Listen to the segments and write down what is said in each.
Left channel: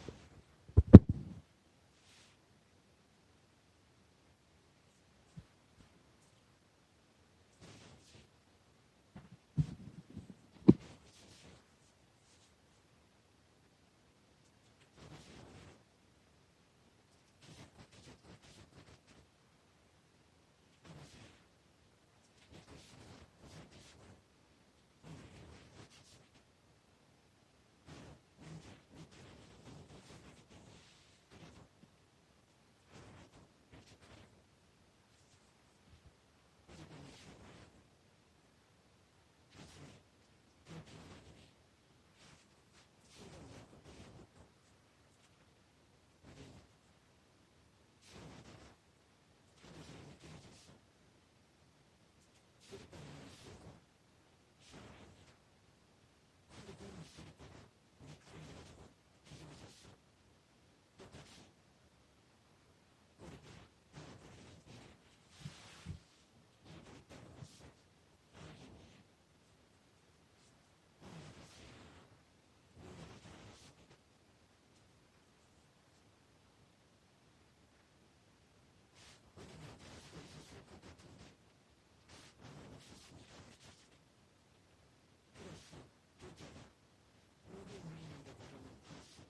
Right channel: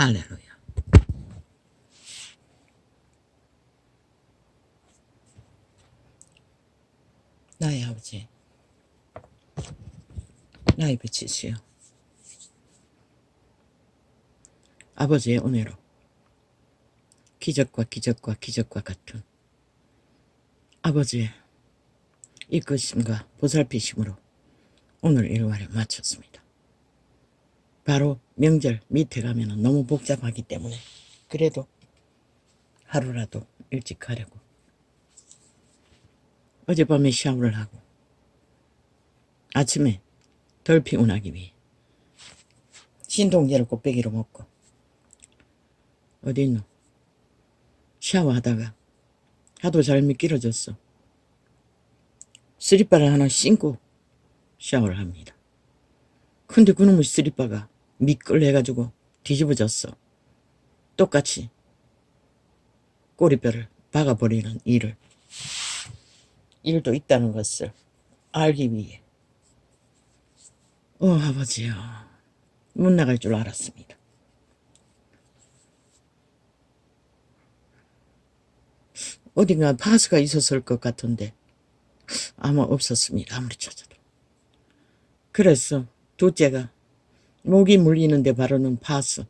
할렐루야. 나의 아버지, 나의 빛이시여, 아버지의 은혜로 기적과 기적과 기적과 같은 아버지의 이끄심과 보살피심으로 오늘 일과를 마쳤습니다. 바로 명절 밑에 가면 너무 복잡하기 때문에 그래도 하루라도 일찍 가려고 어젯밤에 샤워를 하고 아침에 덜 피곤하기 위해 신동제를 곱빼기로 먹고 어디 있노? 샤워하다가 하도 잘 미끄러졌어. 스리퍼를 하나 신고 샤워를 합니다. 근데 그놈의 스리퍼가 미끌해가지고 뒤집어졌어. 똑같이 꼬리뼈를 박아버리는 일도 있다는 것을 알기 위해 아버지요, 못 나갈 줄 알았습니다. 어딘가 파스가 있었을 것 같은데 아마 없었습니다. 아무리 찾아도. 그래서 둘째가 목이 물리는데 바르는 파스,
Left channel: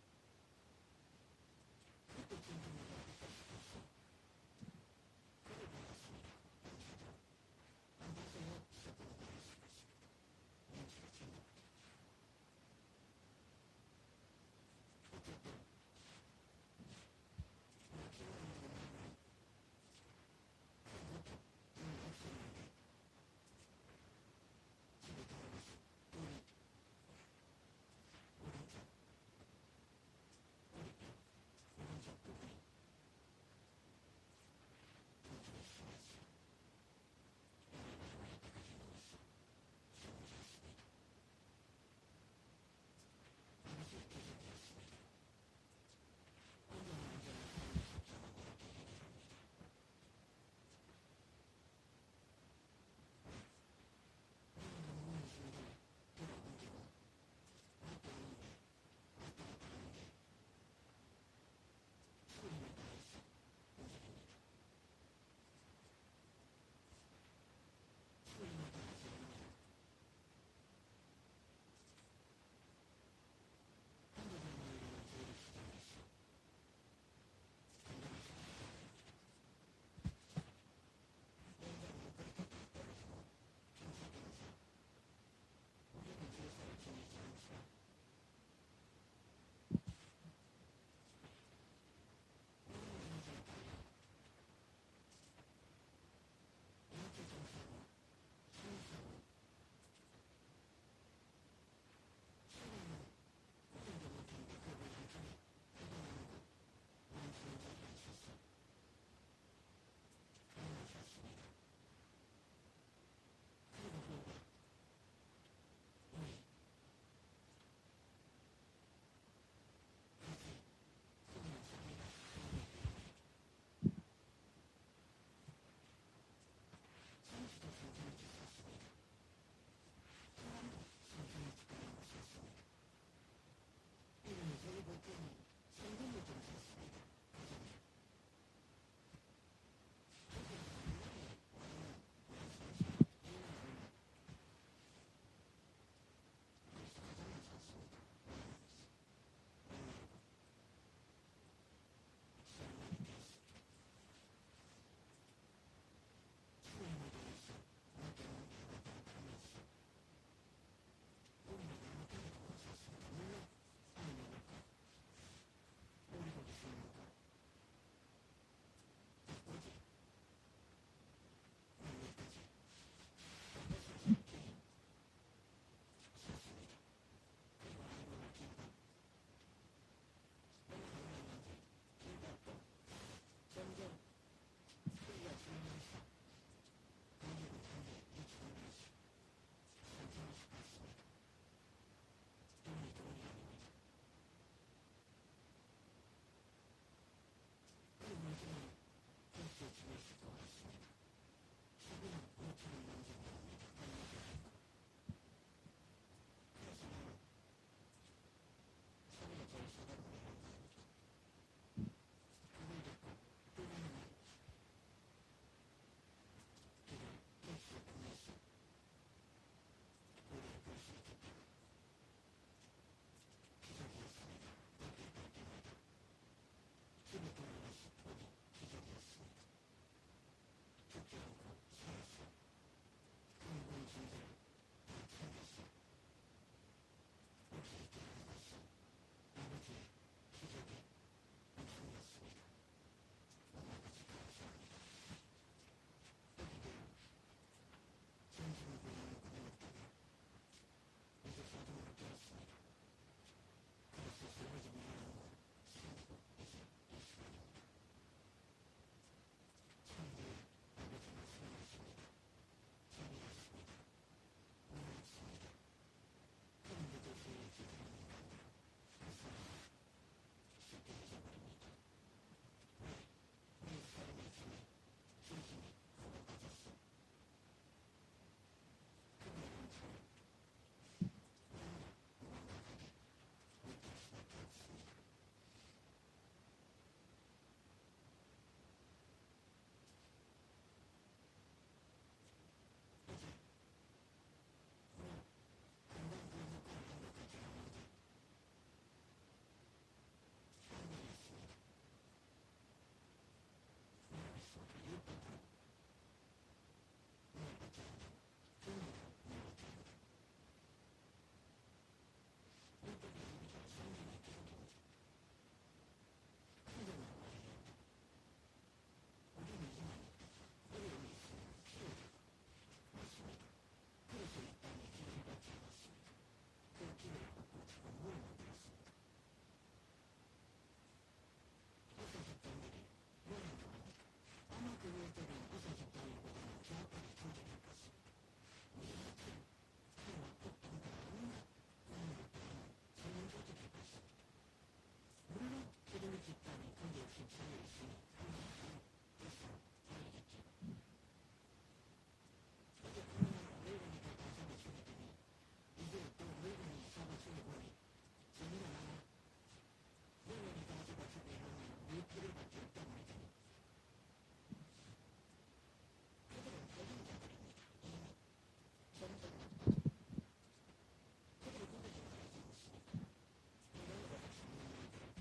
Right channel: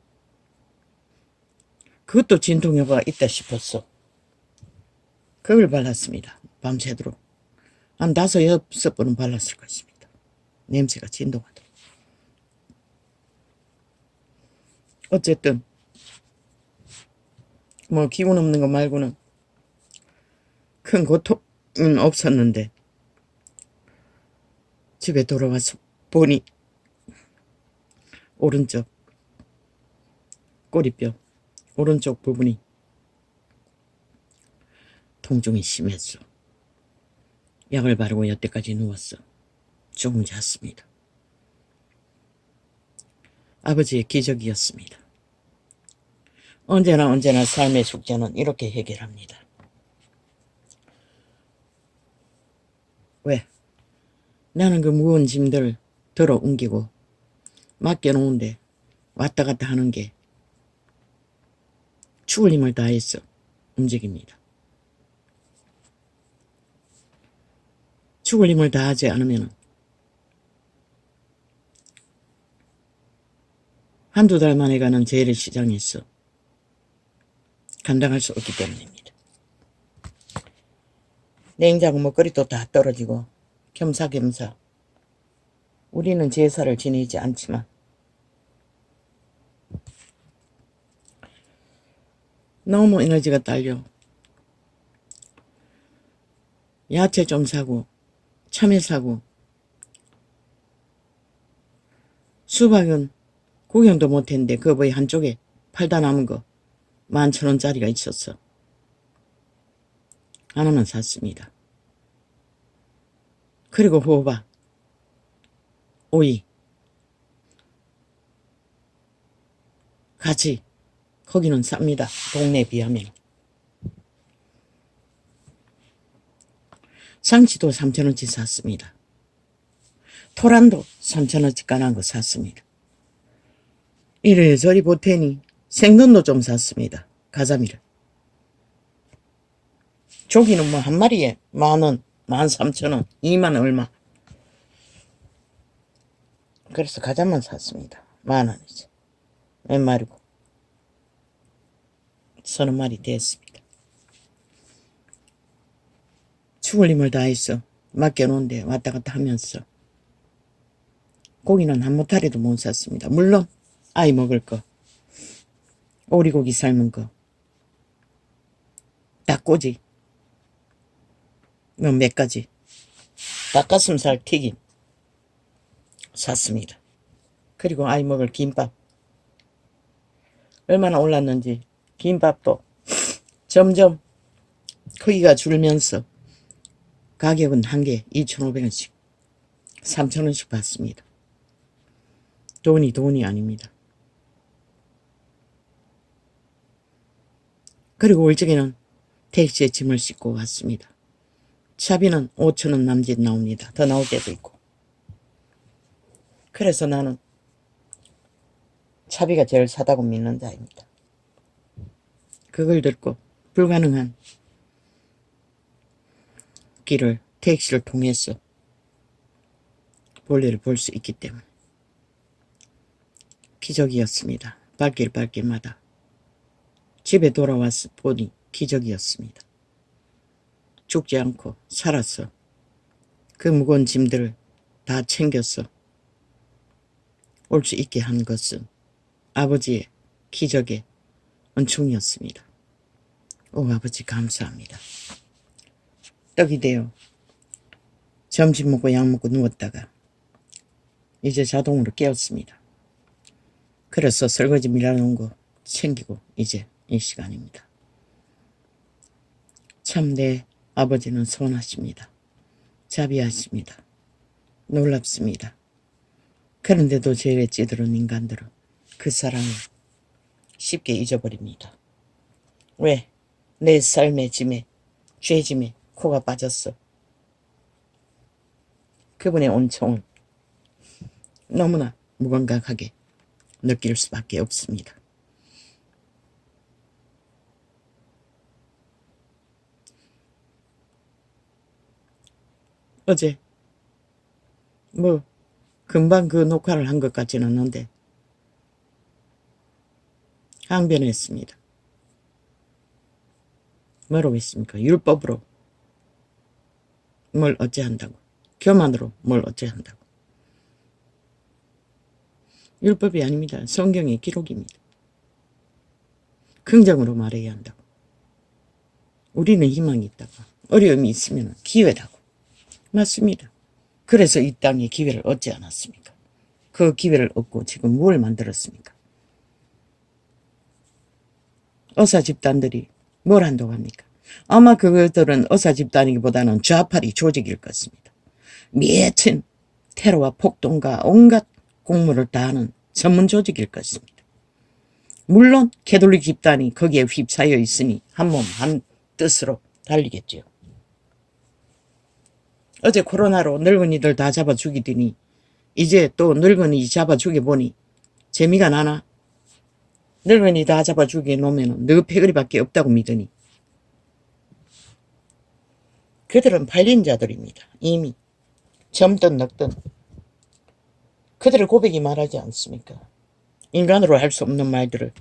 그것도 진통효과가 있다 싶었어. 그걸 발랐습니다. 밤새도록 한 5-6번은 발랐을 것입니다. 냄새가 진동하더라고요. 어쨌든 뭐 기운 없는 거 말고는 큰 고통은 없었는데 집에 돌아와서 보니 오른쪽 꼬리뼈 오른쪽 부분이 통증이 심했어. 약을 바르고 여태까지 누웠어. 조금 잤습니다. 아버지의 기적이었습니다. 언제나 삶의 숙제는 이렇게 해결합니다. 왜? 나는 그 무거운 짐들 들어 옮기고 맡겨놓은데 왔다 갔다 하는 게 죽을 힘을 다해서 움직입니다. 죽을 힘을 다하지 않으면 한두 달 만에 가는 재래시장에서 감당할 수 없기 때문입니다. 냉장고 먹거리도 다 떨어지고 겸사겸사 우리는 제사를 지내지 않지만 너무 에너지가 딸려 야채 좀 사고 참외 사고 수박은 구경도 못했는데 그 뭐이 한쪽에 팔다 남은 거 11,000원짜리가 있었어. 하나만 샀습니다. 그리고 호박, 오이 같이 거기는 쌉니다. 동네에 비하면. 상치도 3,000원치 샀습니다. 토란도 3,000원치 까난 거 샀습니다. 이래저리 보태니 생선도 좀 샀습니다. 가자미를. 조기는 뭐 한 마리에 10,000원, 13,000원, 2만 얼마. 그래서 가자만 샀습니다. 10,000원이지. 몇 마리고. 30마리 됐습니다. 죽을 힘을 다해서 맡겨놓은데 왔다 갔다 하면서 고기는 한 모타리도 못 샀습니다. 물론 아이 먹을 거, 오리고기 삶은 거, 닭꼬지, 뭐 몇 가지, 닭가슴살 튀김 샀습니다. 그리고 아이 먹을 김밥. 얼마나 올랐는지 김밥도 점점 크기가 줄면서 가격은 한 개 2,500원씩 3,000원씩 받습니다. 돈이 아닙니다. 그리고 올적에는 택시에 짐을 싣고 왔습니다. 차비는 5,000원 남짓 나옵니다. 더 나올 때도 있고. 그래서 나는 차비가 제일 사다고 믿는 자입니다. 그걸 듣고 불가능한 길을 택시를 통해서 볼일을 볼 수 있기 때문에 기적이었습니다. 발길마다 집에 돌아와서 보니 기적이었습니다. 죽지 않고 살았어. 그 무거운 짐들을 다 챙겨서 올 수 있게 한 것은 아버지의 기적의 은총이었습니다. 오 아버지 감사합니다. 떡이 되어 점심 먹고 약 먹고 누웠다가 이제 자동으로 깨었습니다. 그래서 설거지 밀어놓은 거 챙기고 이제 이 시간입니다. 참 내 아버지는 선하십니다. 자비하십니다. 놀랍습니다. 그런데도 죄에 찌들은 인간들은 그 사랑을 쉽게 잊어버립니다. 왜? 내 삶의 짐에 죄짐에 코가 빠졌어. 그분의 온총을 너무나 무감각하게 느낄 수밖에 없습니다. 어제 뭐 금방 그 녹화를 한 것 같지는 않는데 항변했습니다. 뭐라고 했습니까? 율법으로 뭘 어째 한다고. 교만으로 뭘 어째 한다고. 율법이 아닙니다. 성경의 기록입니다. 긍정으로 말해야 한다고. 우리는 희망이 있다고. 어려움이 있으면 기회라고. 맞습니다. 그래서 이 땅에 기회를 얻지 않았습니까? 그 기회를 얻고 지금 뭘 만들었습니까? 의사 집단들이 뭘 한다고 합니까? 아마 그것들은 의사 집단이기보다는 좌파리 조직일 것입니다. 미친 테러와 폭동과 온갖 공무를 다하는 전문 조직일 것입니다. 물론 캐톨릭 집단이 거기에 휩싸여 있으니 한 몸 한 뜻으로 달리겠죠. 어제 코로나로 늙은이들 다 잡아 죽이더니 이제 또 늙은이 잡아 죽여보니 재미가 나나? 늙은이 다 잡아 죽여놓으면 너 패거리밖에 없다고 믿으니. 그들은 팔린 자들입니다. 이미 젊든 늙든 그들의 고백이 말하지 않습니까? 인간으로 할 수 없는 말들을.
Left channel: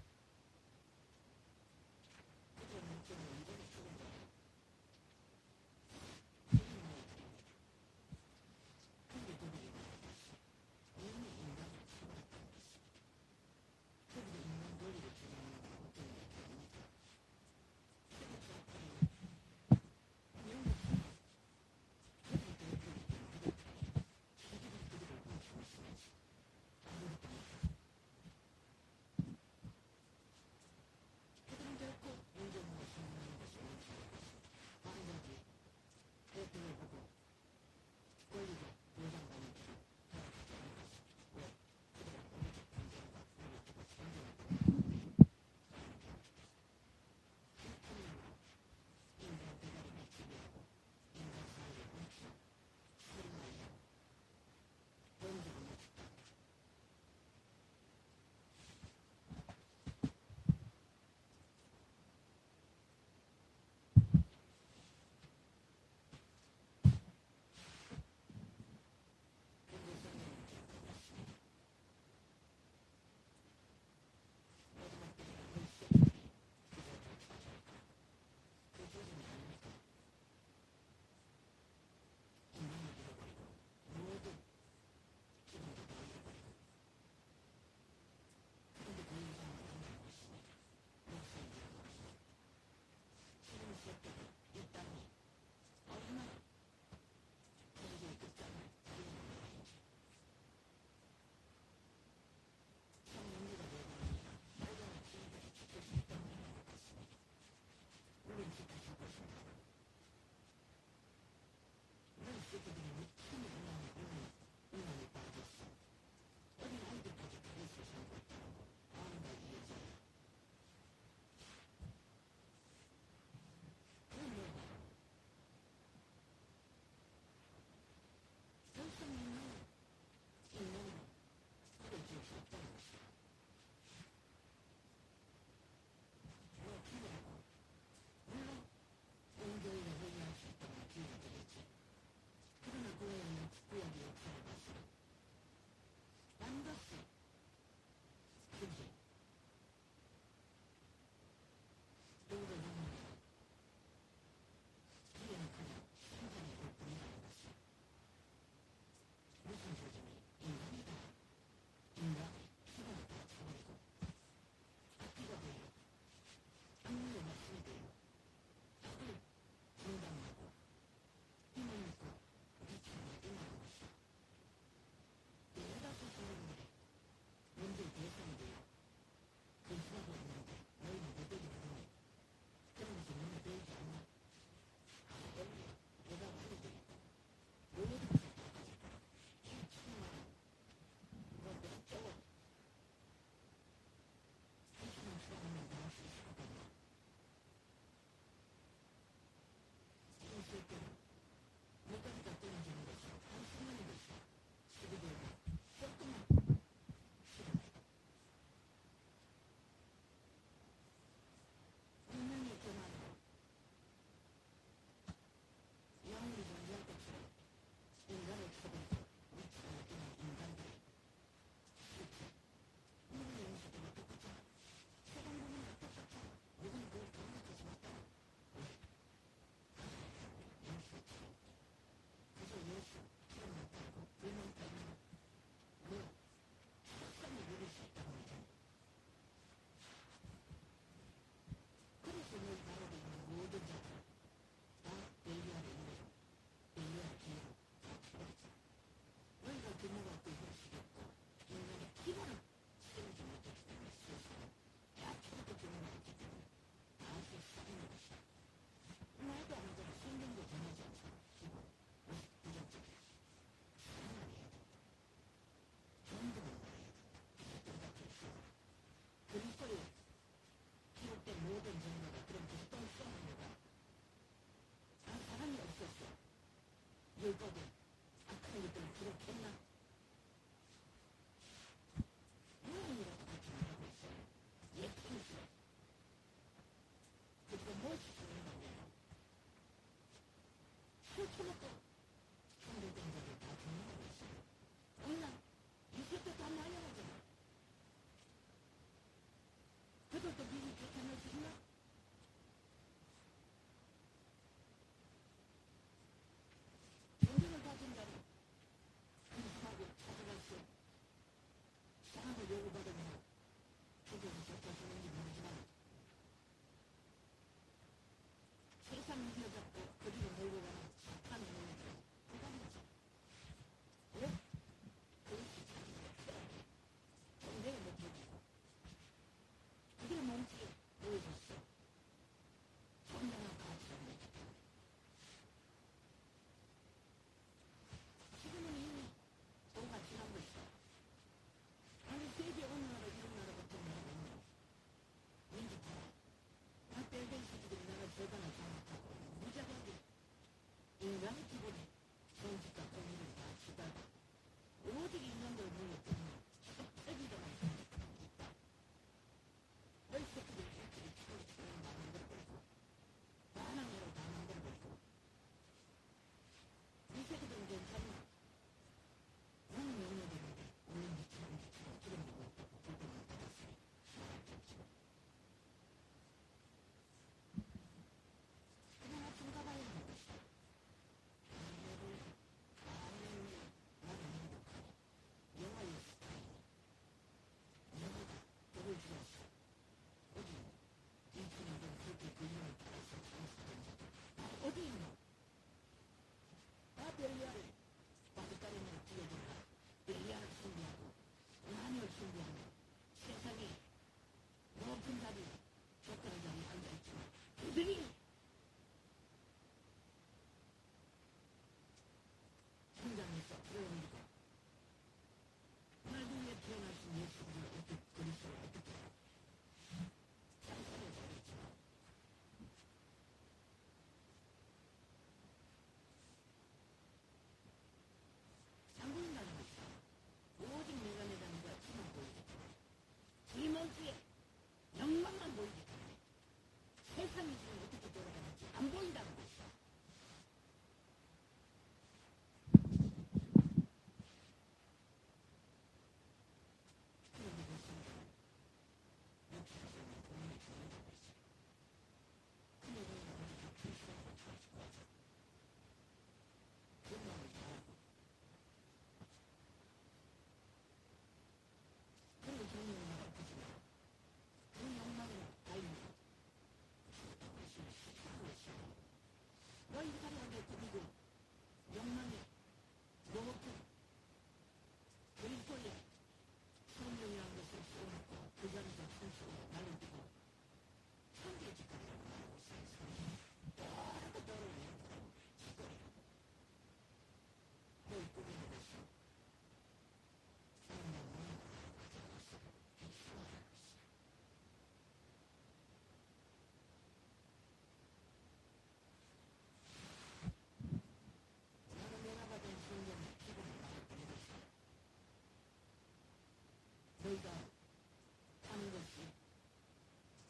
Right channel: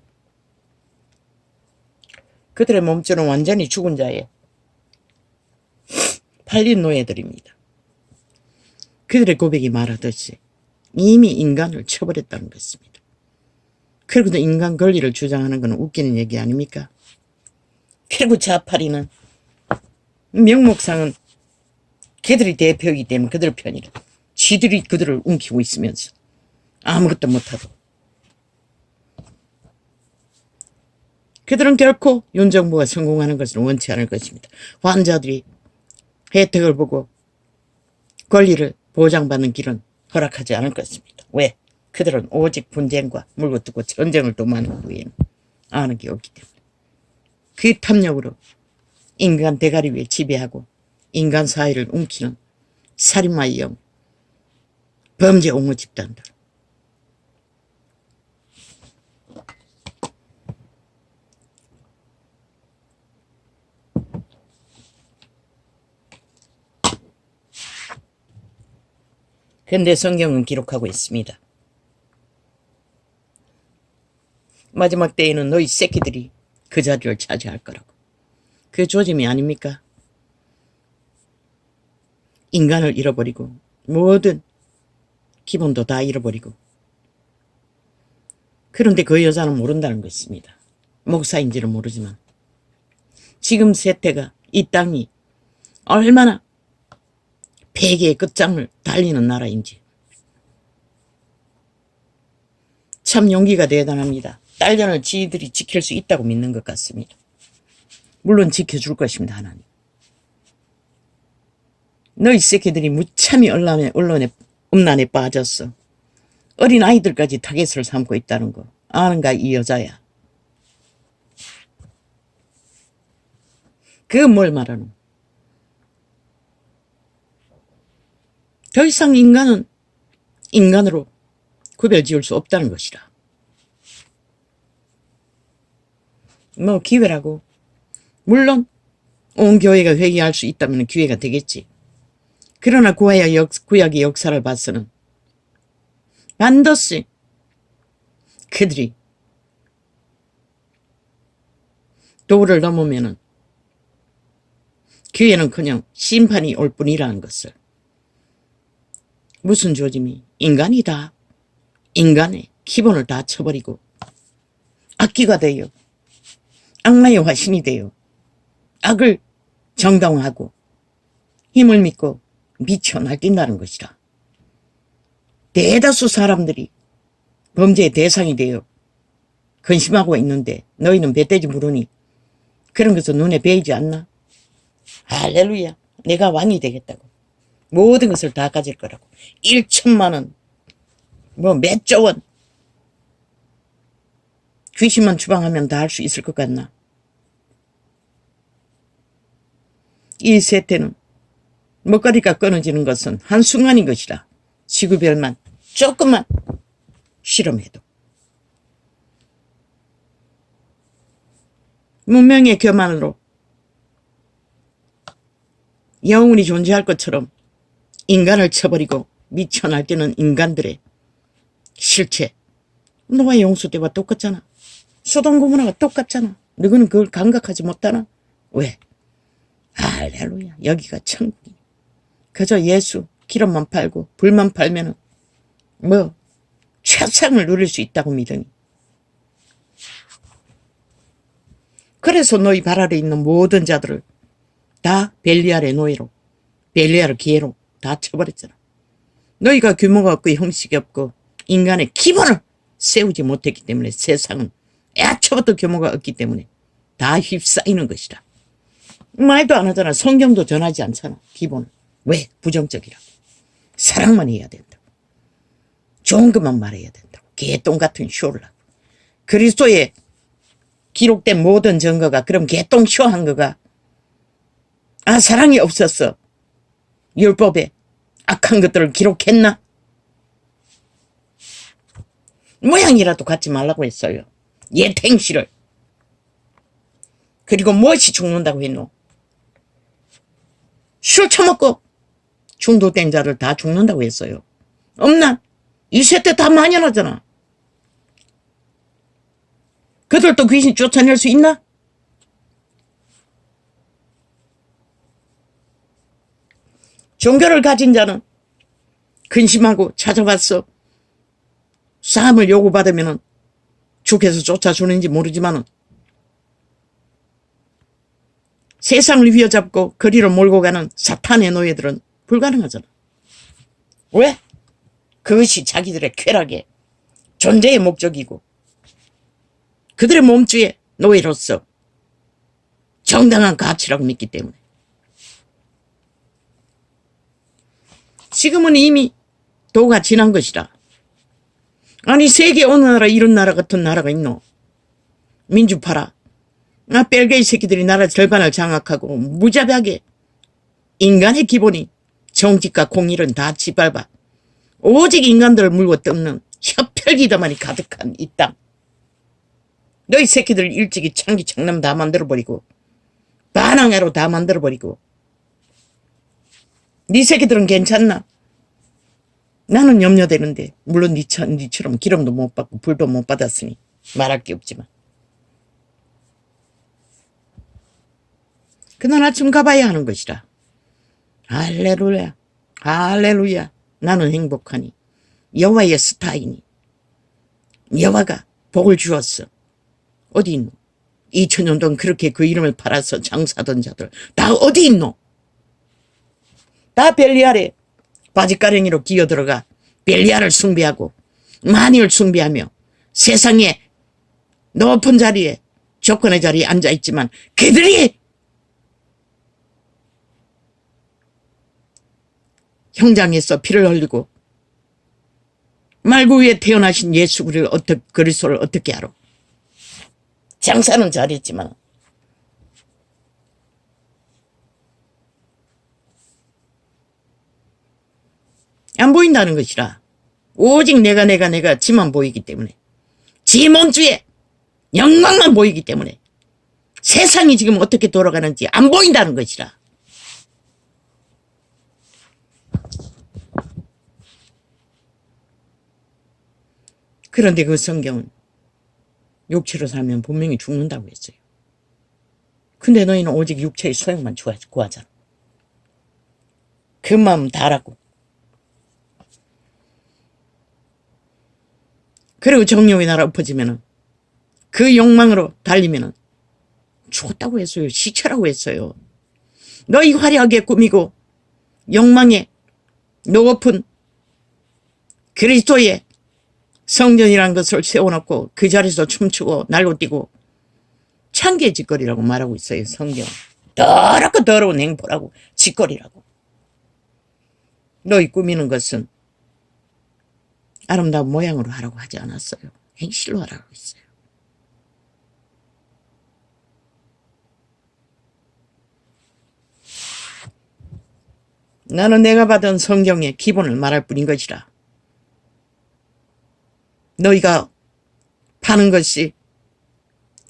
그들의 몸줄은 완전히 죽은 자예요. 팔린 노예들입니다. 그들의 고백이 말하듯이 이미 인간을 쳐버렸다는 것입니다. 그리고도 인간 권리를 주장하는 것은 웃기는 얘기 아닙니까? 그리고 좌파리는 명목상은 그들이 대표이기 때문에 그들 편이라. 지들이 그들을 움키고 있으면서 아무것도 못하고. 그들은 결코 윤 정부가 성공하는 것을 원치 않을 것입니다. 환자들이 혜택을 보고 권리를 보장받는 길은 허락하지 않을 것입니다. 왜? 그들은 오직 분쟁과 물고 뜯고 전쟁을 도모하는 후에는 아는 게 없기 때문에. 그 탐욕으로 인간 대가리 위에 지배하고 인간 사회를 움키는 살인마의 영, 범죄 옹호 집단들. 그런데 성경은 기록하고 있습니다. 마지막 때에는 너희 새끼들이 그 자리를 차지할 거라고. 그 조짐이 아닙니까? 인간을 잃어버리고 모든 기본도 다 잃어버리고. 그런데 그 여자는 모른다는 것입니다. 목사인지는 모르지만 지금 세태가 이 땅이 얼마나 폐기의 끝장을 달리는 나라인지 참 용기가 대단합니다. 딸년을 지들이 지킬 수 있다고 믿는 것 같습니다. 물론 지켜줄 것입니다. 하나님. 너희 새끼들이 무참히 언론에 음란에 빠졌어. 어린 아이들까지 타겟을 삼고 있다는 거 아는가 이 여자야. 그거 뭘 말하노? 더 이상 인간은 인간으로 구별 지을 수 없다는 것이라. 뭐 기회라고. 물론 온 교회가 회개할 수 있다면 기회가 되겠지. 그러나 구약의 역사를 봐서는 반드시 그들이 도를 넘으면은 기회는커녕 심판이 올 뿐이라는 것을. 무슨 조짐이? 인간이다. 인간의 기본을 다 쳐버리고 악귀가 되어 악마의 화신이 되어 악을 정당화하고 힘을 믿고 미쳐 날뛴다는 것이라. 대다수 사람들이 범죄의 대상이 되어 근심하고 있는데 너희는 배떼지 물으니 그런 것은 눈에 베이지 않나? 할렐루야. 내가 왕이 되겠다고. 모든 것을 다 가질 거라고. 1천만 원, 뭐 몇 조 원. 귀신만 추방하면 다 할 수 있을 것 같나? 이 세태는 먹거리가 끊어지는 것은 한순간인 것이라. 지구별만 조금만 실험해도. 문명의 교만으로 영혼이 존재할 것처럼 인간을 쳐버리고 미쳐 날뛰는 인간들의 실체. 노아의 용수 때와 똑같잖아. 소돔 고모라가 똑같잖아. 너희는 그걸 감각하지 못하나? 왜? 할렐루야. 여기가 천국이야. 그저 예수 기름만 팔고 불만 팔면은 뭐 최상을 누릴 수 있다고 믿으니. 그래서 너희 발 아래 있는 모든 자들을 다 벨리알의 노예로, 벨리알의 기회로 다 쳐버렸잖아. 너희가 규모가 없고 형식이 없고 인간의 기본을 세우지 못했기 때문에 세상은 애초부터 규모가 없기 때문에 다 휩싸이는 것이다. 말도 안 하잖아. 성경도 전하지 않잖아. 기본을. 왜? 부정적이라고. 사랑만 해야 된다고. 좋은 것만 말해야 된다고. 개똥 같은 쇼를 하고. 그리스도의 기록된 모든 증거가 그럼 개똥 쇼한 거가 사랑이 없었어. 율법에 악한 것들을 기록했나? 모양이라도 갖지 말라고 했어요. 예탱시를. 그리고 무엇이 죽는다고 했노? 술 처먹고 중독된 자를 다 죽는다고 했어요. 없나? 이 세대 다 만연하잖아. 그들도 귀신 쫓아낼 수 있나? 종교를 가진 자는 근심하고 찾아봤어. 싸움을 요구받으면 주께서 쫓아주는지 모르지만 세상을 휘어잡고 거리로 몰고 가는 사탄의 노예들은 불가능하잖아. 왜? 그것이 자기들의 쾌락의 존재의 목적이고 그들의 몸주의 노예로서 정당한 가치라고 믿기 때문에. 지금은 이미 도가 지난 것이다. 아니 세계 어느 나라 이런 나라 같은 나라가 있노? 민주파라. 벨게이 새끼들이 나라 절반을 장악하고 무자비하게 인간의 기본이 정직과 공의는 다 짓밟아 오직 인간들을 물고 뜯는 혀펼기다만이 가득한 이 땅. 너희 새끼들 일찍이 창기 창남 다 만들어버리고 반항해로 다 만들어버리고 네 새끼들은 괜찮나? 나는 염려되는데 물론 니처럼 기름도 못 받고 불도 못 받았으니 말할 게 없지만 그날 아침 가봐야 하는 것이라. 할렐루야 할렐루야. 나는 행복하니 여호와의 스타이니 여호와가 복을 주었어. 어디 있노? 2000년 동안 그렇게 그 이름을 팔아서 장사하던 자들 다 어디 있노? 다 벨리알에 바지가랭이로 기어들어가 벨리알을 숭배하고 마니를 숭배하며 세상의 높은 자리에 조건의 자리에 앉아있지만 그들이 형장에서 피를 흘리고 말구 위에 태어나신 예수 그리스도를 어떻게 알아? 장사는 잘했지만 안 보인다는 것이라. 오직 내가 지만 보이기 때문에 지 몸주에 영광만 보이기 때문에 세상이 지금 어떻게 돌아가는지 안 보인다는 것이라. 그런데 그 성경은 육체로 살면 분명히 죽는다고 했어요. 근데 너희는 오직 육체의 소욕만 구하잖아. 그 마음 다 알았고. 그리고 정욕의 나라 엎어지면은 그 욕망으로 달리면은 죽었다고 했어요. 시체라고 했어요. 너희 화려하게 꾸미고 욕망에 높은 그리스도의 성전이라는 것을 세워놓고 그 자리에서 춤추고 날고 뛰고 창기의 짓거리라고 말하고 있어요. 성경. 더럽고 더러운 행보라고 짓거리라고. 너희 꾸미는 것은 아름다운 모양으로 하라고 하지 않았어요. 행실로 하라고 했어요. 나는 내가 받은 성경의 기본을 말할 뿐인 것이라. 너희가 파는 것이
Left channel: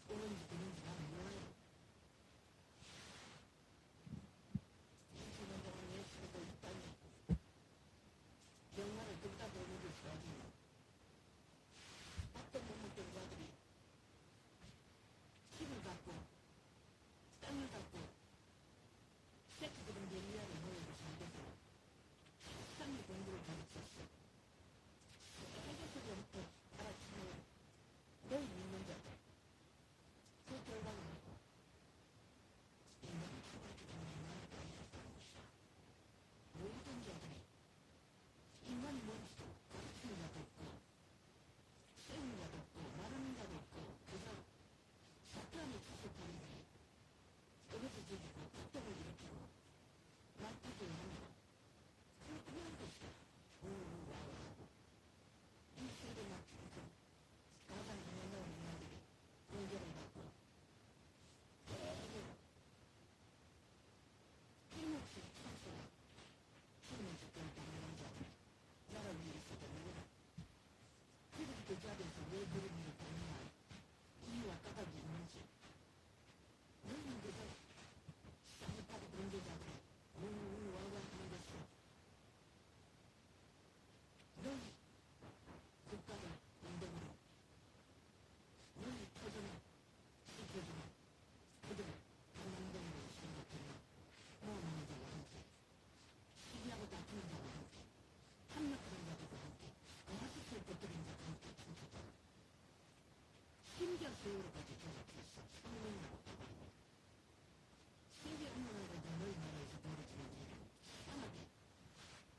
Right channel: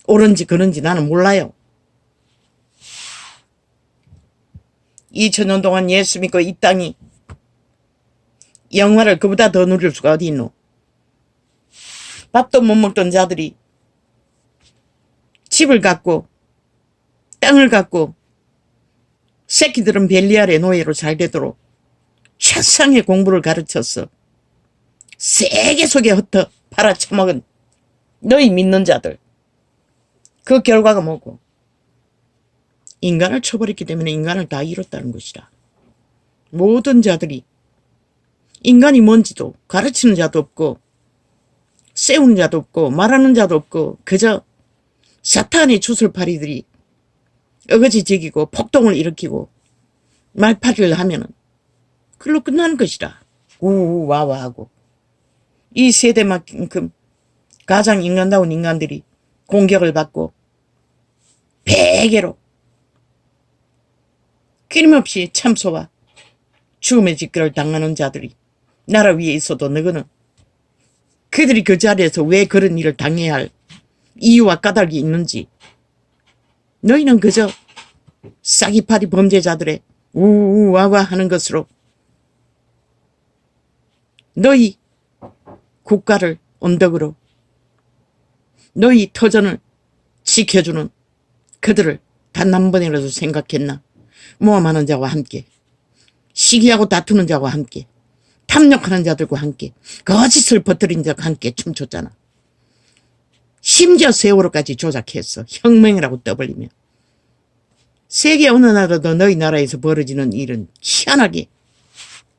옳은지 그른지 나는 몰라요. 2000년 동안 예수 믿고 이 땅이 영화를 그보다 더 누릴 수가 어디 있노. 밥도 못 먹던 자들이 집을 갖고 땅을 갖고 새끼들은 벨리알의 노예로 잘 되도록 최상의 공부를 가르쳐서 세계 속에 흩어 팔아쳐먹은 너희 믿는 자들. 그 결과가 뭐고? 인간을 쳐버렸기 때문에 인간을 다 잃었다는 것이라. 모든 자들이 인간이 뭔지도 가르치는 자도 없고 세우는 자도 없고 말하는 자도 없고 그저 사탄의 주술파리들이 어거지 저기고 폭동을 일으키고 말파리를 하면은 그걸로 끝나는 것이라. 우와와 하고 이 세대만큼 가장 인간다운 인간들이 공격을 받고 베개로 끊임없이 참소와 죽음의 직결을 당하는 자들이 나라 위에 있어도 너희는 그들이 그 자리에서 왜 그런 일을 당해야 할 이유와 까닭이 있는지 너희는 그저 싸기파리 범죄자들의 우와와 하는 것으로 너희 국가를 언덕으로 너희 터전을 지켜주는 그들을 단 한 번이라도 생각했나? 모함하는 자와 함께 시기하고 다투는 자와 함께 탐욕하는 자들과 함께 거짓을 퍼뜨린 자와 함께 춤췄잖아. 심지어 세월호까지 조작했어. 혁명이라고 떠벌리며. 세계 어느 나라도 너희 나라에서 벌어지는 일은 희한하게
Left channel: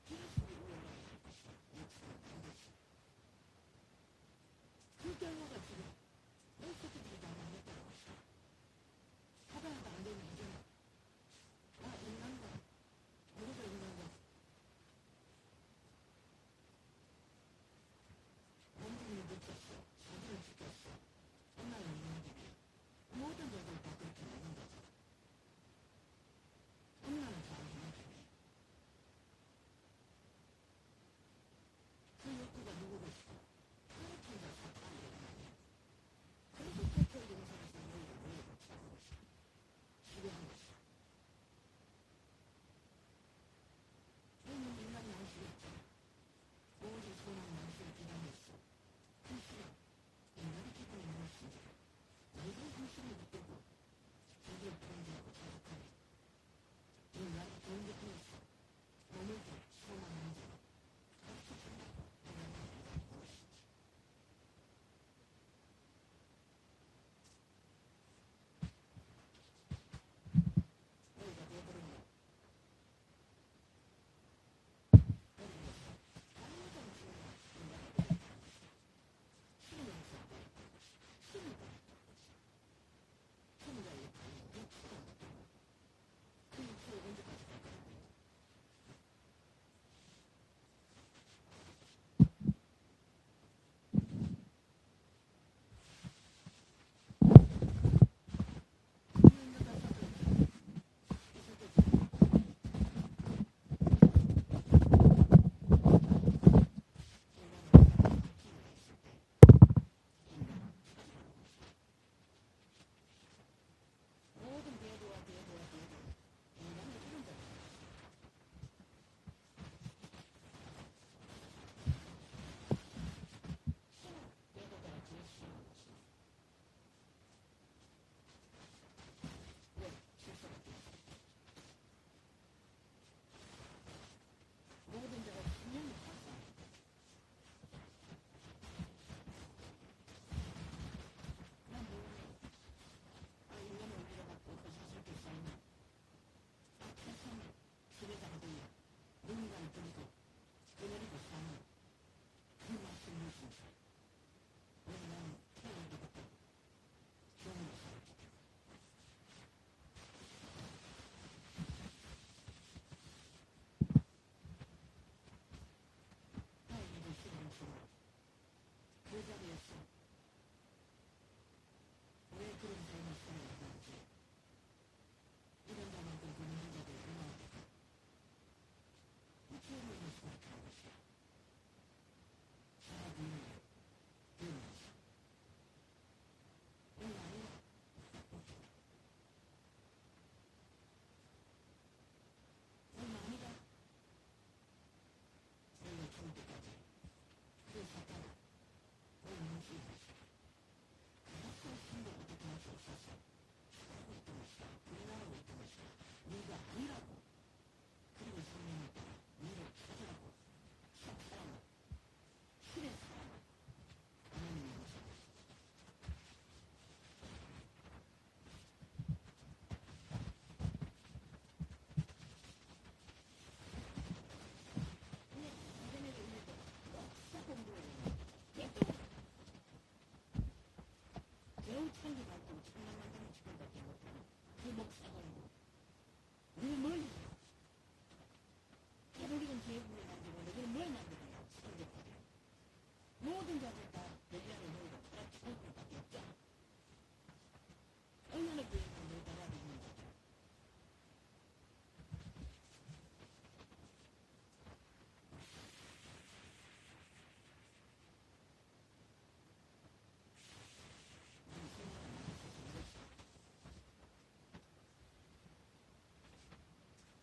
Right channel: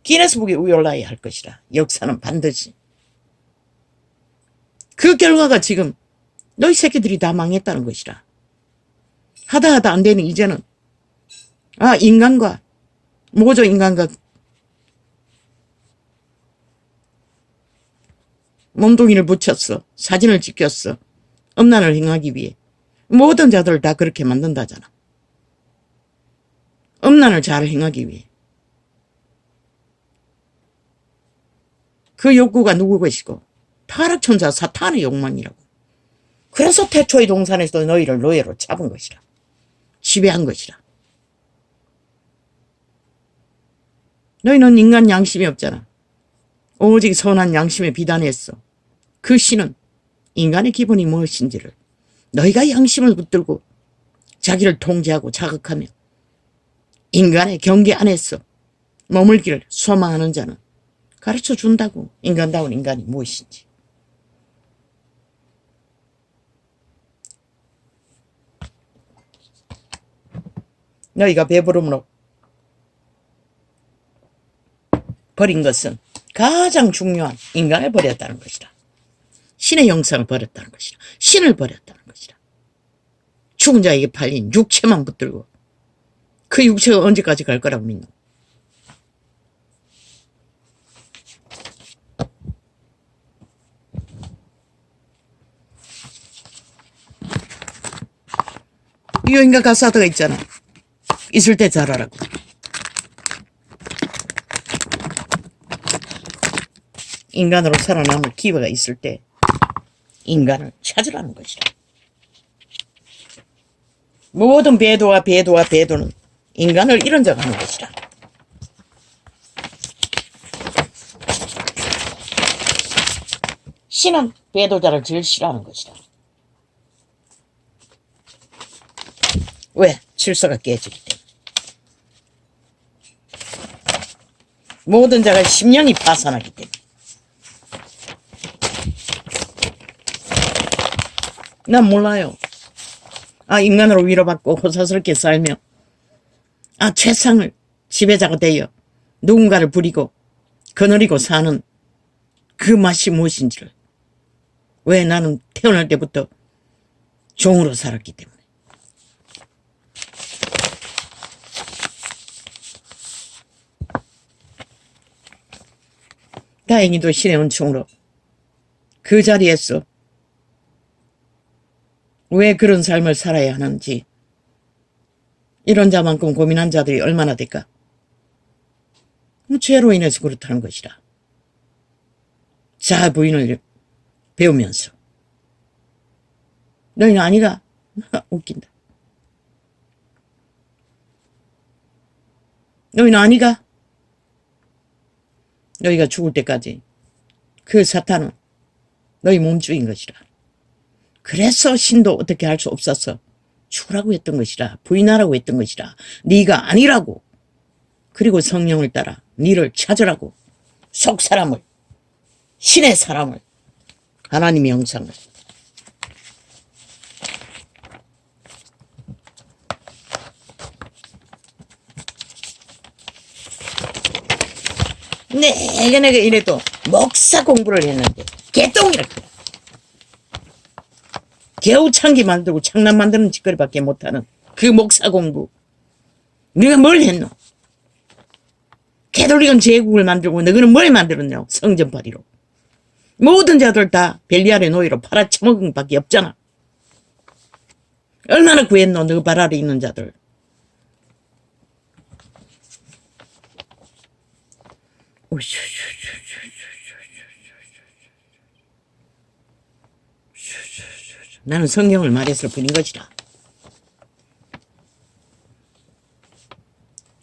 기네스북에 올라야 할 것이라. 역사는 반드시. 그 결과가 지금 너희 새끼들이 다 망했다는 것이라. 하다 안 되는 이제는 인간과 모조 인간과 몸뚱이를 붙였어. 사진을 찍혔어. 음란을 행하기 위해. 모든 자들을 다 그렇게 만든다잖아. 음란을 잘 행하기 위해. 그 욕구가 누구 것이고 타락천사 사탄의 욕망이라고. 그래서 태초의 동산에서 너희를 노예로 잡은 것이라. 지배한 것이라. 너희는 인간 양심이 없잖아. 오직 선한 양심에 비단했어. 그 신은 인간의 기본이 무엇인지를 너희가 양심을 붙들고 자기를 통제하고 자극하며 인간의 경계 안에서 머물기를 소망하는 자는 가르쳐 준다고. 인간다운 인간이 무엇인지. 너희가 배부름으로 버린 것은 가장 중요한 인간을 버렸다는 것이다. 신의 형상을 버렸다는 것이다. 신을 버렸다는 것이다. 죽은 자에게 팔린 육체만 붙들고 그 육체가 언제까지 갈 거라고 믿노? 유인가 가사드가 있잖아. 있을 때 잘하라고. 인간으로 살아남을 기회가 있을 때 인간을 찾으라는 것이다. 모든 배도와 배도와 배도는 인간을 이런 적 하는 것이라. 신은 배도자를 제일 싫어하는 것이다. 왜? 질서가 깨지기 때문에. 모든 자가 심령이 파산하기 때문에. 난 몰라요. 인간으로 위로받고 호사스럽게 살며 최상을 지배자가 되어 누군가를 부리고 거느리고 사는 그 맛이 무엇인지를. 왜? 나는 태어날 때부터 종으로 살았기 때문에. 다행히도 신의 은총으로 그 자리에서 왜 그런 삶을 살아야 하는지, 이런 자만큼 고민한 자들이 얼마나 될까? 죄로 인해서 그렇다는 것이라. 자아 부인을 배우면서. 너희는 아니가? 웃긴다. 너희는 아니가? 너희가 죽을 때까지 그 사탄은 너희 몸주인 것이라. 그래서 신도 어떻게 할 수 없어서 죽으라고 했던 것이라. 부인하라고 했던 것이라. 네가 아니라고. 그리고 성령을 따라 네를 찾으라고. 속 사람을, 신의 사람을, 하나님의 형상을. 내가 이래도 목사 공부를 했는데 개똥이랄까. 겨우 창기 만들고 창남 만드는 짓거리밖에 못하는 그 목사 공부. 네가 뭘 했노? 캐톨릭은 제국을 만들고 너희는 뭘 만들었냐? 성전파리로. 모든 자들 다 벨리알의 노예로 팔아쳐먹은 밖에 없잖아. 얼마나 구했노? 너 발 아래 있는 자들. 나는 성경을 말했을 뿐인 것이다.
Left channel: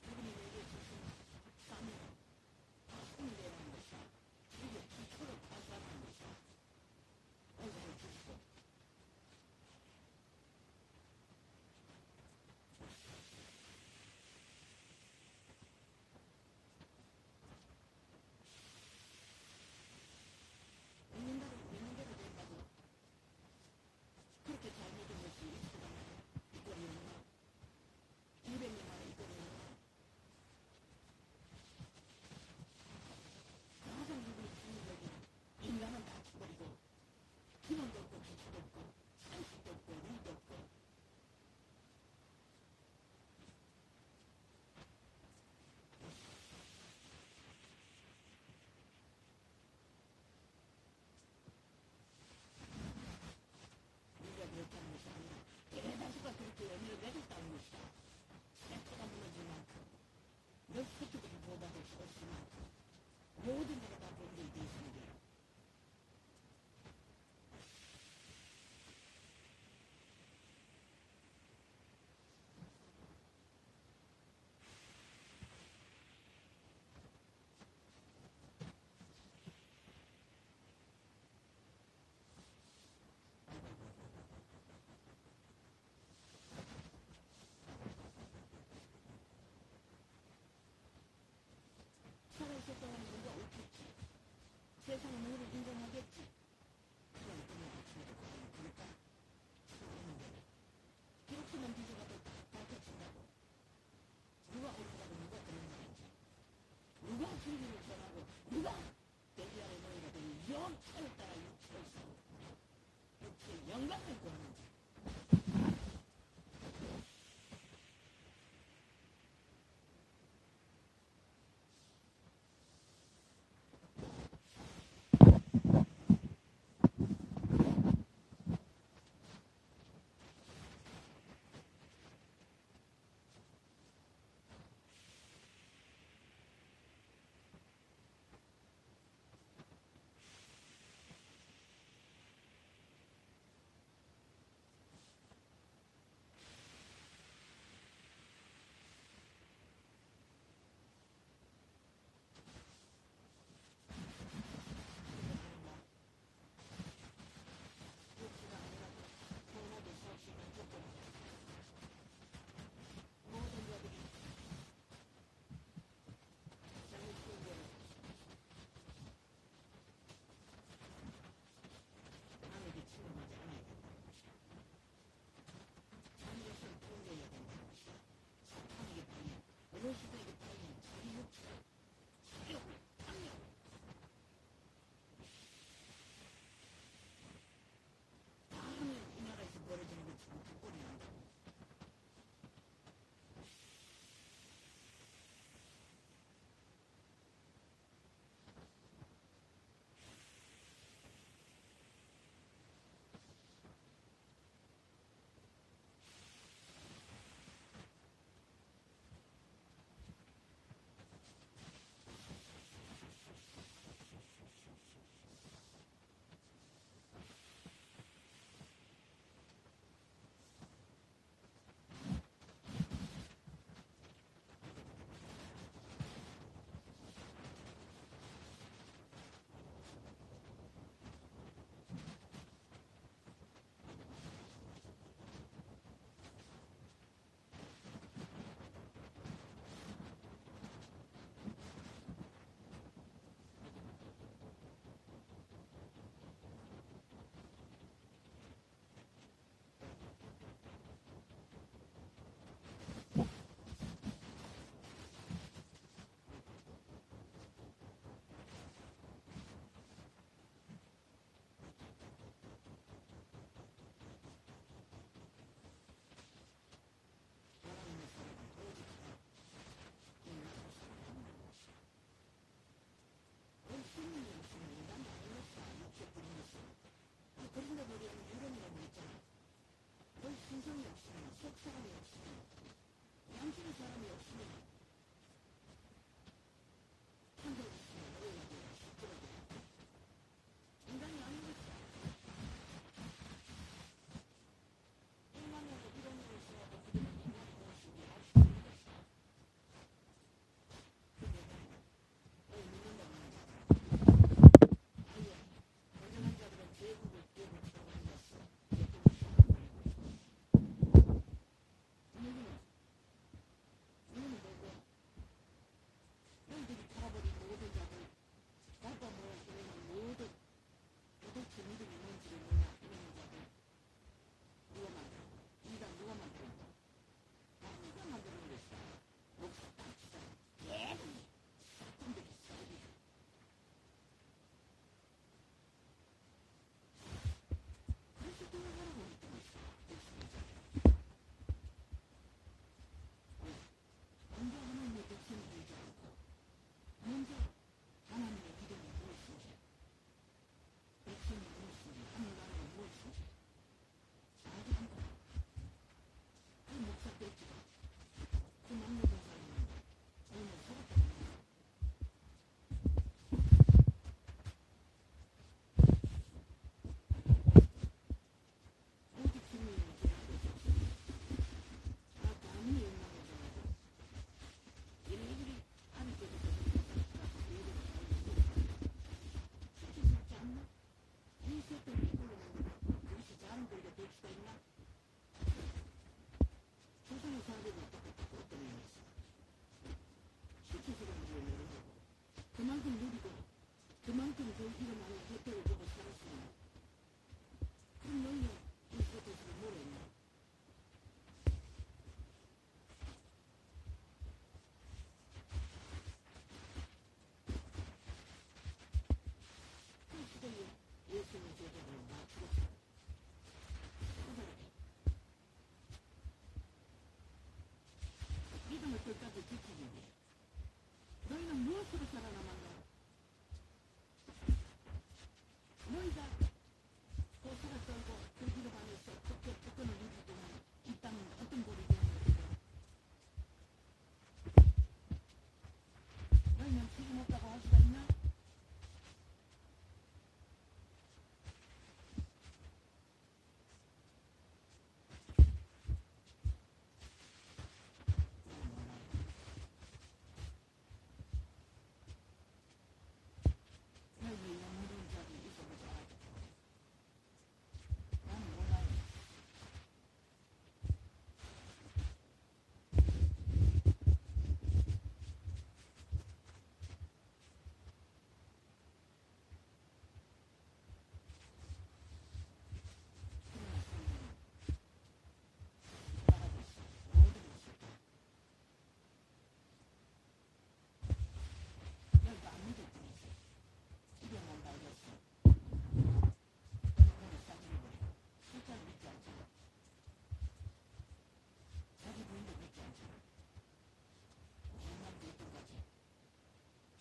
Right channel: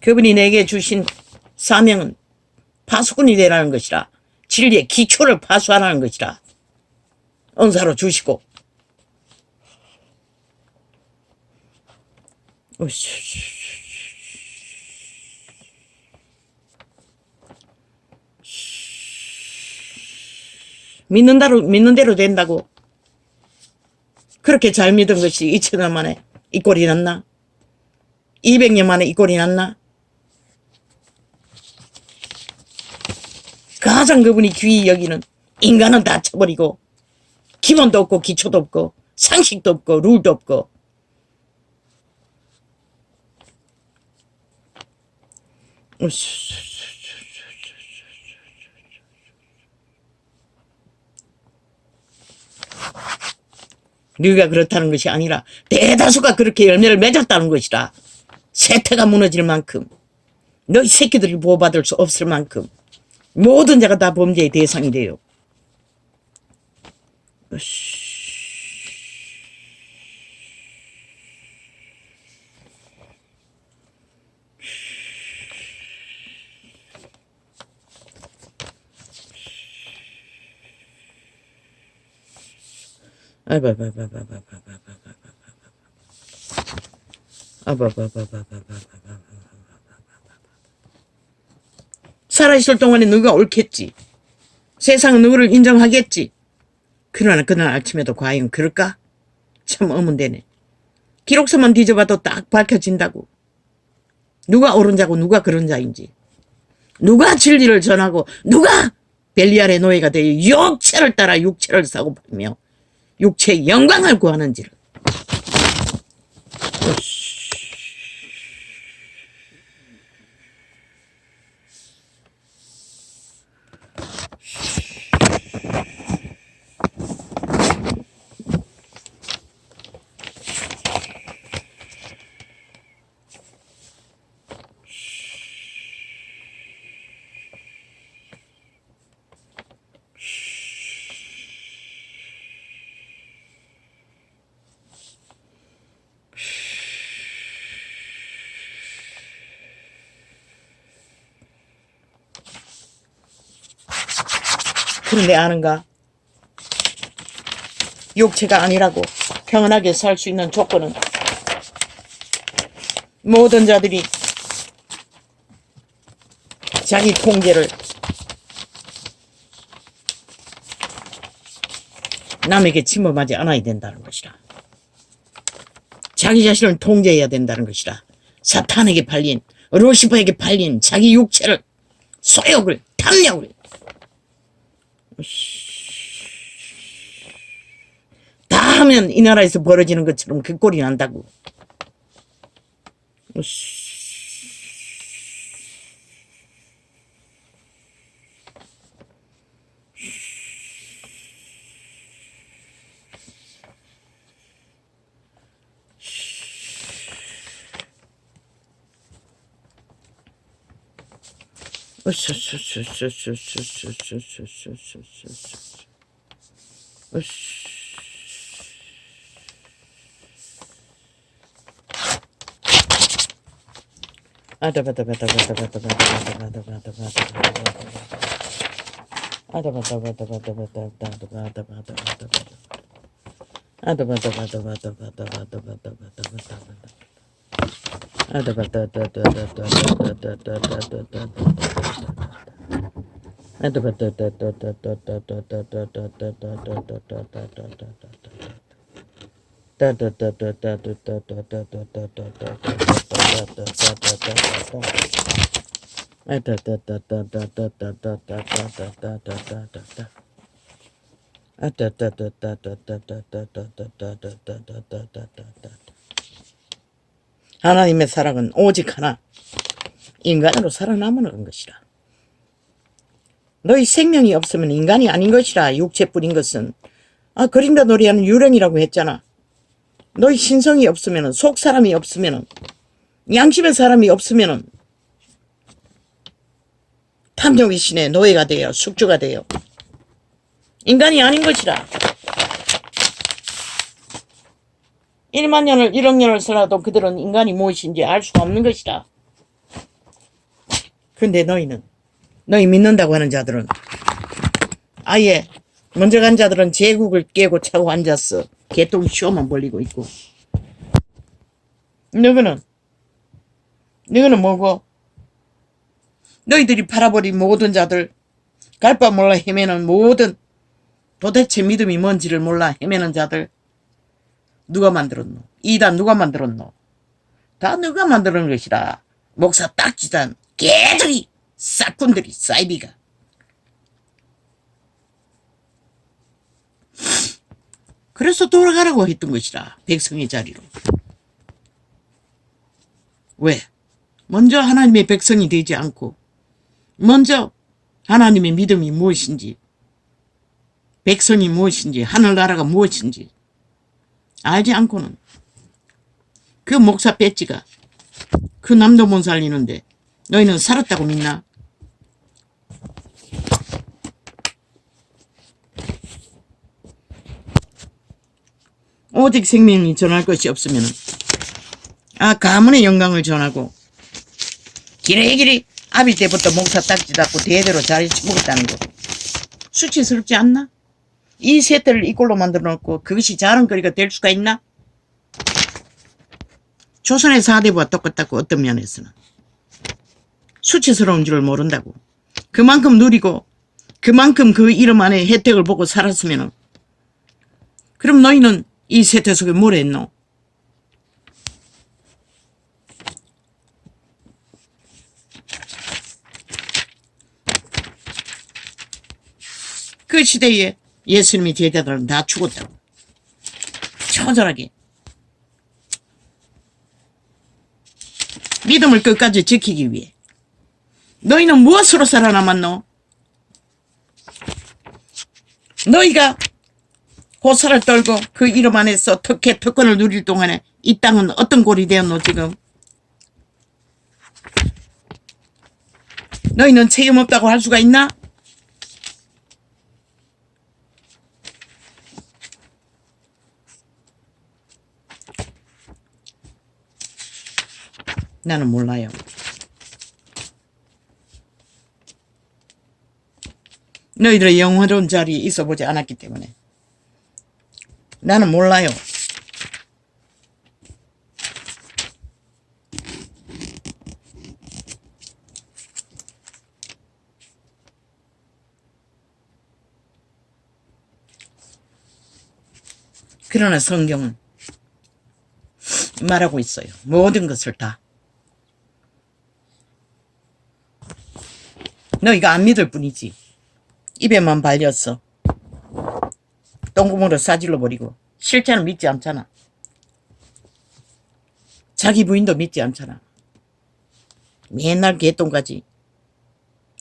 그분이 내게 주신 사명은 파수꾼이 되라는 것이라. 진리의 기초를 파수하라는 것이라. 은사로 주시고. 믿는 대로 된다고. 그렇게 잘 믿은 것이 2000년 만에 이 꼴이 났나? 200년 만에 이 꼴이 났나? 가장 그분이 귀히 여기는 인간은 다 쳐버리고 기본도 없고 기초도 없고 상식도 없고 룰도 없고. 네가 그렇다는 것이 아니라 대다수가 그렇게 열매를 맺었다는 것이라. 세태가 무너질 만큼, 너희 새끼들이 보호받을 수 없을 만큼 모든 자가 다 범죄의 대상이 돼요. 살아있을 동안에 누가 옳겠지. 세상은 누구를 인정하겠지. 그러나 그날 아침에도 과연 그럴까? 참 의문되네. 기록서만 뒤져봐도 딱 밝혀진다고. 누가 옳은 자고 누가 그런 자인지. 누가 진리를 전하고 누가 벨리알의 노예가 되어 육체를 따라 육체를 사고팔며 육체의 영광을 구하는지를. 그런데 아는가? 육체가 아니라고. 평안하게 살 수 있는 조건은 모든 자들이 자기 통제를 남에게 침범하지 않아야 된다는 것이라. 자기 자신을 통제해야 된다는 것이라. 사탄에게 팔린, 루시퍼에게 팔린 자기 육체를, 소욕을, 탐욕을 다 하면 이 나라에서 벌어지는 것처럼 그 꼴이 난다고. 하나님의 사랑은 오직 하나, 인간으로 살아남는 것이라. 너희 생명이 없으면 인간이 아닌 것이라. 육체뿐인 것은 그린다 놀이하는 유령이라고 했잖아. 너희 신성이 없으면, 속 사람이 없으면, 양심의 사람이 없으면 탐욕의 신의 노예가 되어 숙주가 되어 인간이 아닌 것이라. 1만 년을 1억 년을 살아도 그들은 인간이 무엇인지 알 수가 없는 것이라. 근데 너희는, 너희 믿는다고 하는 자들은, 아예 먼저 간 자들은 제국을 깨고 차고 앉았어. 개똥 쇼만 벌리고 있고. 너희는 뭐고? 너희들이 팔아버린 모든 자들, 갈 바 몰라 헤매는 모든, 도대체 믿음이 뭔지를 몰라 헤매는 자들, 누가 만들었노? 이단 누가 만들었노? 다 누가 만드는 것이라. 목사 딱지단 개들이, 싹군들이, 사이비가. 그래서 돌아가라고 했던 것이라. 백성의 자리로. 왜? 먼저 하나님의 백성이 되지 않고, 먼저 하나님의 믿음이 무엇인지, 백성이 무엇인지, 하늘나라가 무엇인지 알지 않고는 그 목사 배지가 그 남도 못 살리는데 너희는 살았다고 믿나? 오직 생명이 전할 것이 없으면 가문의 영광을 전하고 기레기리 아비 때부터 목사 딱지 잡고 대대로 자리 먹었다는 거 수치스럽지 않나? 이 세대를 이 꼴로 만들어 놓고 그것이 자랑거리가 될 수가 있나? 조선의 4대부와 똑같다고. 어떤 면에서는 수치스러운 줄 모른다고. 그만큼 누리고 그만큼 그 이름 안에 혜택을 보고 살았으면 그럼 너희는 이 세대 속에 뭘 했노? 그 시대에 예수님이 제자들은 다 죽었다고. 처절하게. 믿음을 끝까지 지키기 위해. 너희는 무엇으로 살아남았노? 너희가 호사를 떨고 그 이름 안에서 특권을 누릴 동안에 이 땅은 어떤 꼴이 되었노 지금? 너희는 책임 없다고 할 수가 있나? 나는 몰라요. 너희들의 영원한 자리에 있어 보지 않았기 때문에. 나는 몰라요. 그러나 성경은 말하고 있어요. 모든 것을 다. 너희가 안 믿을 뿐이지. 입에만 발렸어. 똥구멍으로 싸질러 버리고 실제는 믿지 않잖아. 자기 부인도 믿지 않잖아. 맨날 개똥까지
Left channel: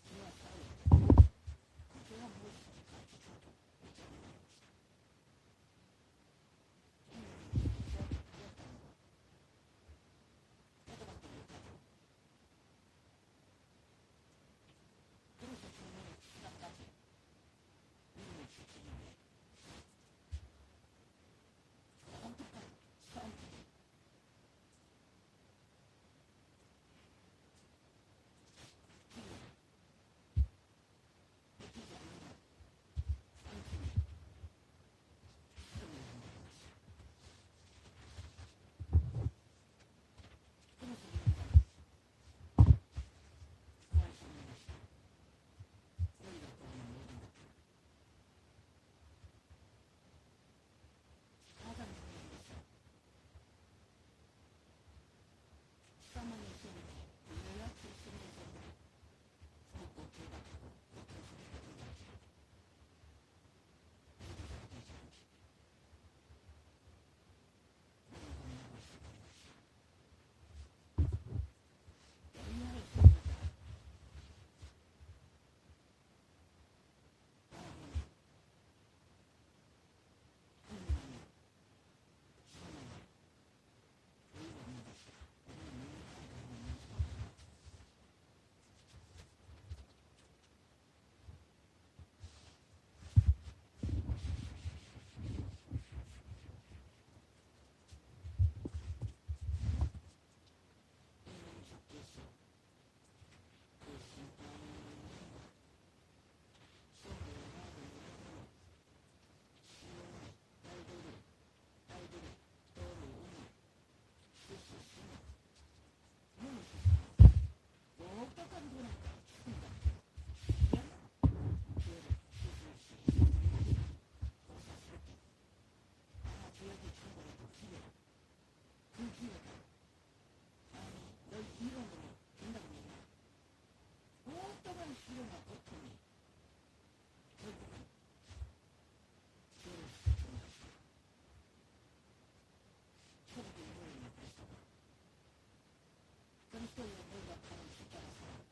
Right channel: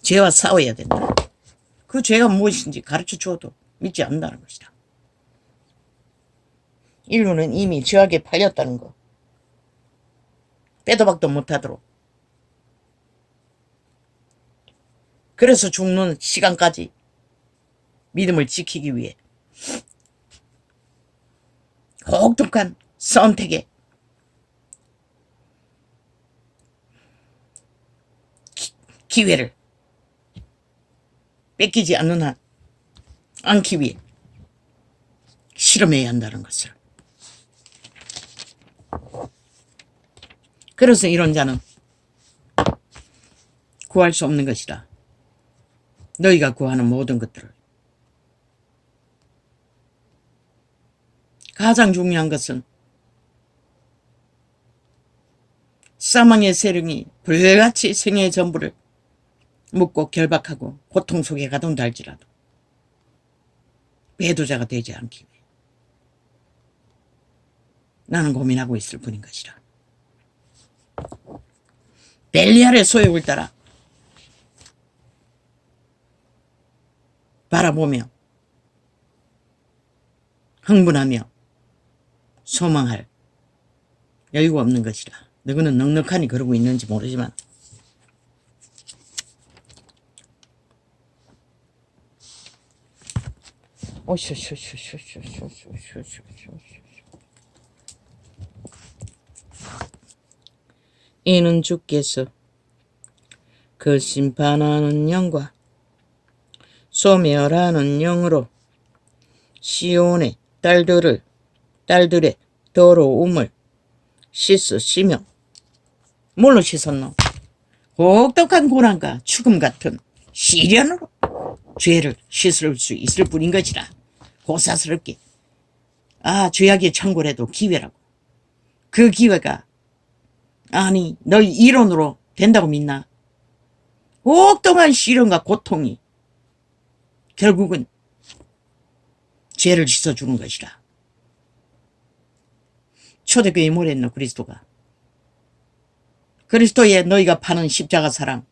죄와 싸워야 된다. 그 죄가 무엇인지 가르쳐 주어도 믿지 않는다는 것이다. 인류는 이미 죄악에 팔렸다는 거. 빼도 박도 못하도록. 그래서 죽는 시간까지 믿음을 지키기 위해 혹독한 선택에 기회를 뺏기지 않기 위해 실험해야 한다는 것을. 그래서 이런 자는 구할 수 없는 것이다. 너희가 구하는 모든 것들을. 가장 중요한 것은 사망의 세력이 불같이 생애의 전부를 묻고 결박하고 고통 속에 가둔다 할지라도 배도자가 되지 않기 위해 나는 고민하고 있을 뿐인 것이라. 벨리알의 소욕을 따라 바라보며 흥분하며 소망할 여유가 없는 것이라. 너희는 넉넉하니 그러고 있는지 모르지만 이는 주께서 그 심판하는 영과 소멸하는 영으로 시온의 딸들의 더러움을 씻으시며. 뭘로 씻었노? 혹독한 고난과 죽음 같은 시련으로 죄를 씻을 수 있을 뿐인 것이라. 고사스럽게 죄악의 창고라도 기회라고. 그 기회가 아니 너희 이론으로 된다고 믿나? 혹독한 시련과 고통이 결국은 죄를 씻어주는 것이라. 초대교회 뭐랬노? 그리스도의 너희가 파는 십자가 사랑,